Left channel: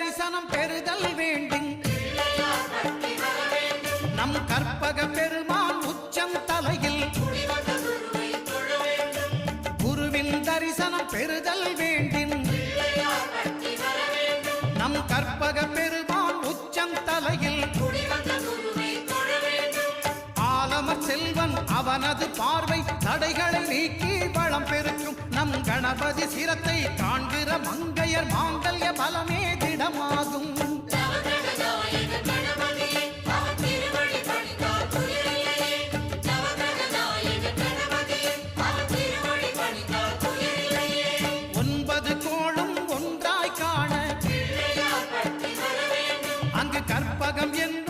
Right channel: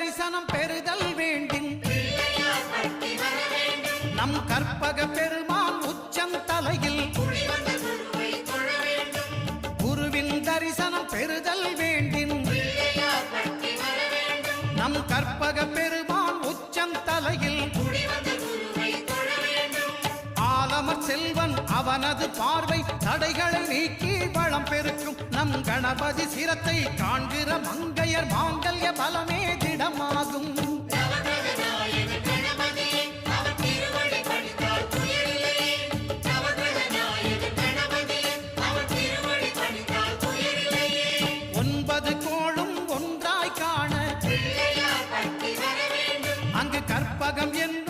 தரிசனம் பெறுதல் வேண்டின் நம் கற்பக பெருமான் உச்சந்தலையில் குருவின் தரிசனம் பெறுதல் வேண்டின் நம் கற்பக பெருமான் உச்சந்தலையில் ஆலமர் செல்வன் அவனது பார்வை தடைகளை நீக்கி வளம் பெருக்கும் நம் கணபதி சிரத்தை காண்கிற மங்கையர் மாங்கல்ய பலமே திடமாகும் ஒன்பது கோளும் ஒன்றாய் காண அங்கு கற்பகம் என்று